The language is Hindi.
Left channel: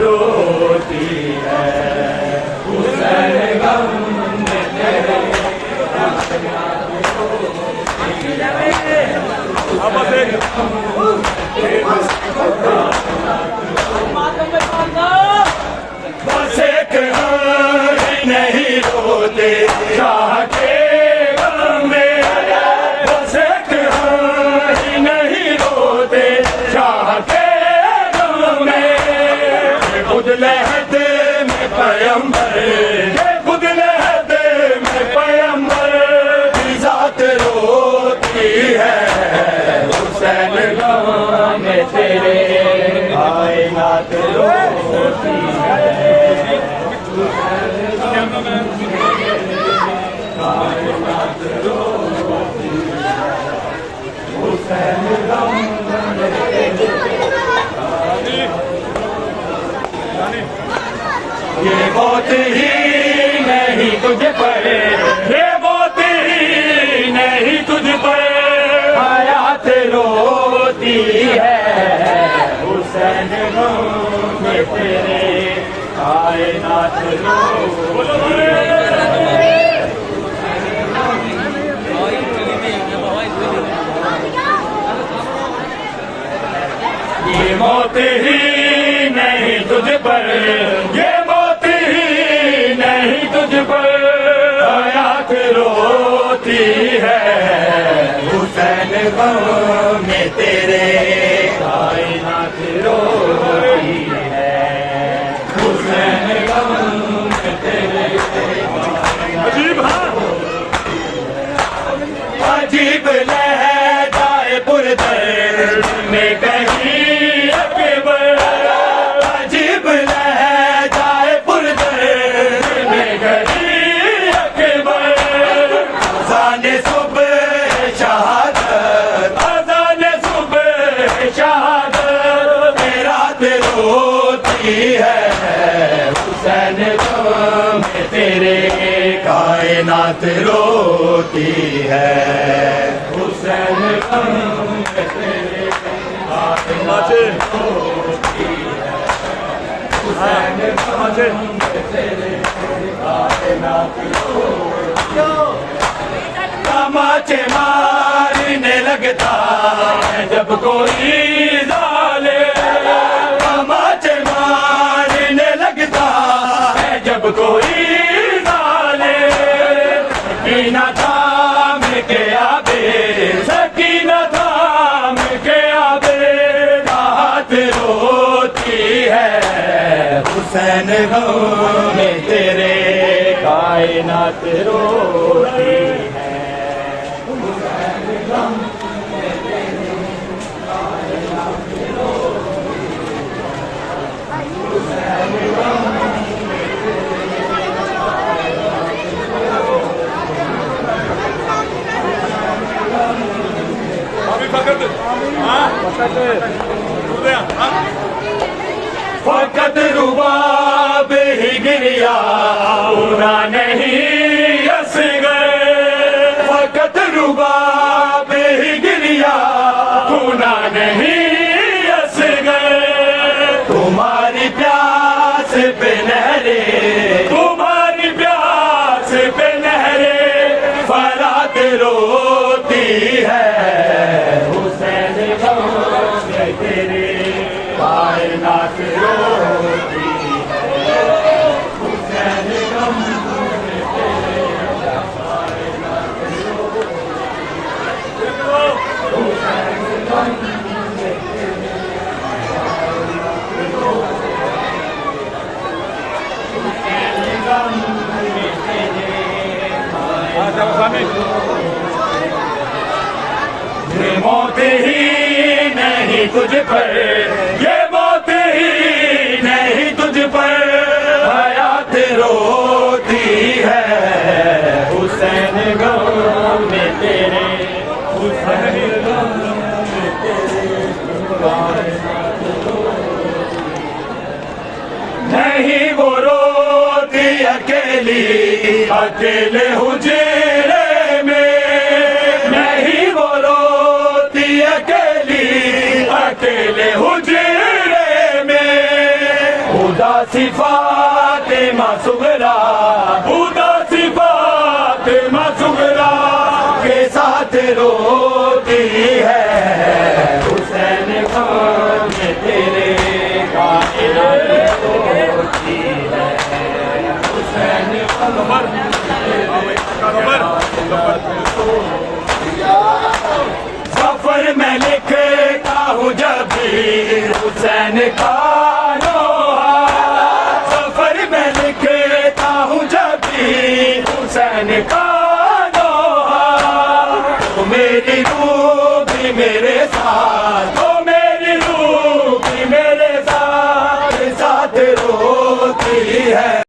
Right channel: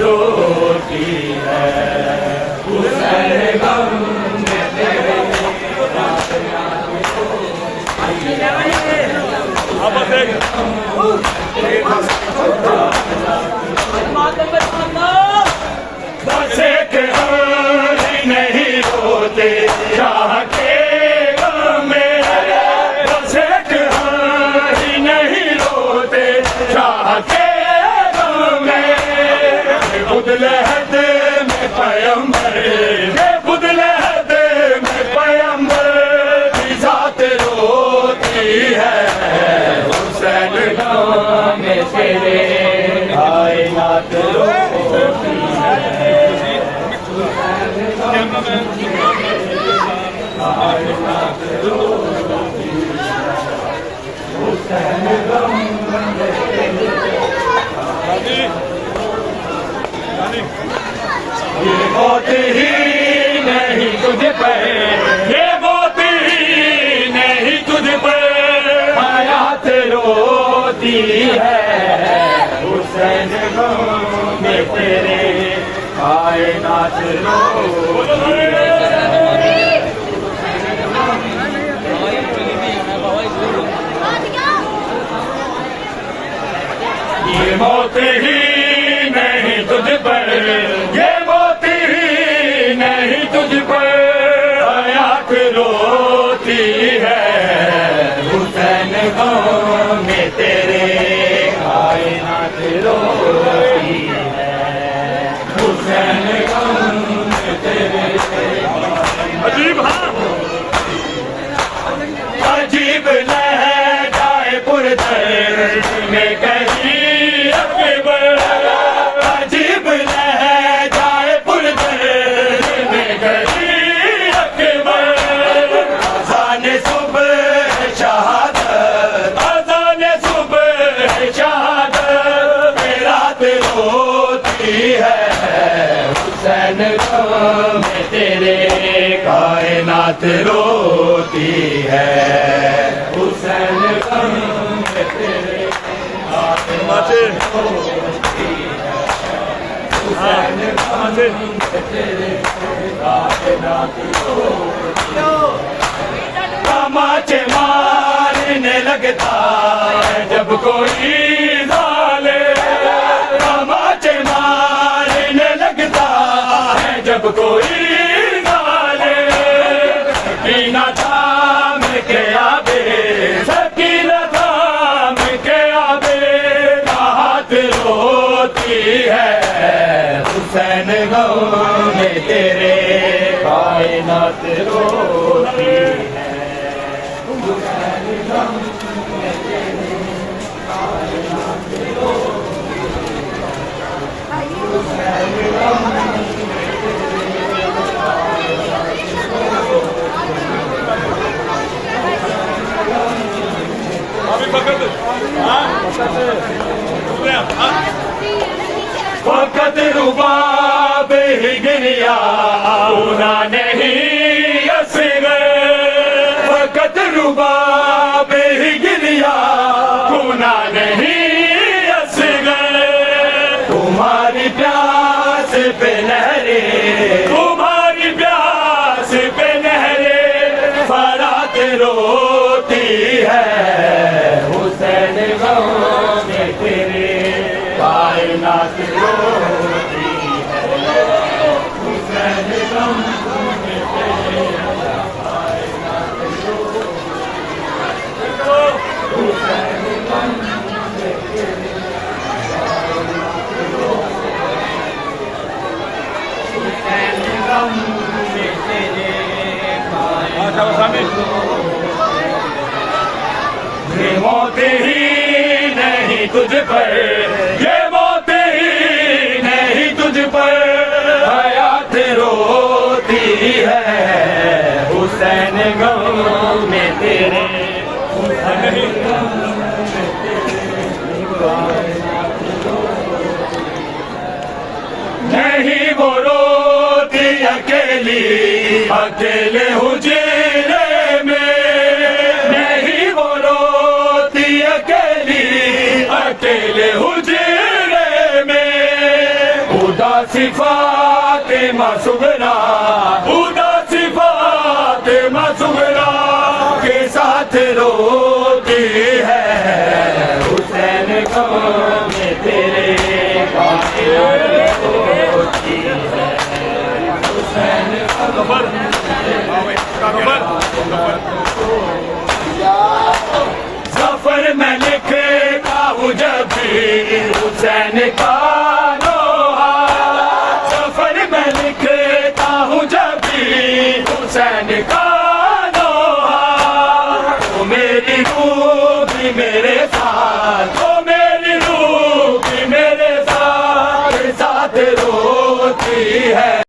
रोती है बस एक नहीं रोते चाह के में, बस एक नहीं रोते चाह के में, खुदलहद में पैगंबर, खुदलहद में पैगंबर की जात रोती है, हुसैन गाँव में तेरे कायनात रोती है। ये मौत ही नहीं तुझ पर, ये मौत ही नहीं तुझ पर हयात रोती है, हुसैन गाँव में तेरे कायनात रोती है। ये मौत ही नहीं तुझ पर, ये मौत ही नहीं तुझ पर हयात रोती है, हुसैन गाँव में तेरे कायनात रोती है, हुसैन गाँव में तेरे अजीब अजीब लहजाए पुरदर्द में कहीं अकबर, है, हुसैन गम में तेरे कायनात रोती है, हुसैन गम में तेरे कायनात रोती है, हुसैन गम में तेरे कायनात रोती है। तमाचे मारने लगता है जब कोई जालिम, तमाचे मारने लगता है जब कोई जालिम, सकीना थाम के आबे, सकीना थाम के आबे राहत रोती है, हुसैन गम में तेरे कायनात रोती है, हुसैन गम में तेरे कायनात रोती है, हुसैन गम में तेरे फकत रुबाब ही गिरिया पूरा नहीं असगर, फकत रुबाब ही गिरिया पूना नहीं असगर, तुम्हारी प्यास पे नहरे, तुम्हारी प्यास पे नहरे फरात रोती है, हुसैन गम में तेरे कायनात रोती है, हुसैन गम में तेरे कायनात रोती है, हुसैन गम में तेरे कायनात रोती है, हुसैन गम में तेरे कायनात ये मौत ही नहीं तुझ पर, ये मौत ही नहीं तुझ पर हयात रोती है, हुसैन गम में तेरे, हुसैन गम में तेरे नहीं वो रोती अकेली, अकेले हुजरे में, नहीं वो रोती अकेली, अकेले हुजरे में, उदासी फातिमा सुगरा, उदासी फातिमा सुगरा के साथ रोती है, हुसैन गम में तेरे कायनात रोती है, हुसैन गम सफर में लिखता हूँ जब भी हुसैन का नोहा, सफर में लिखता हूँ जब भी हुसैन का नोहा, तो मेरी रूह भी मेरे साथ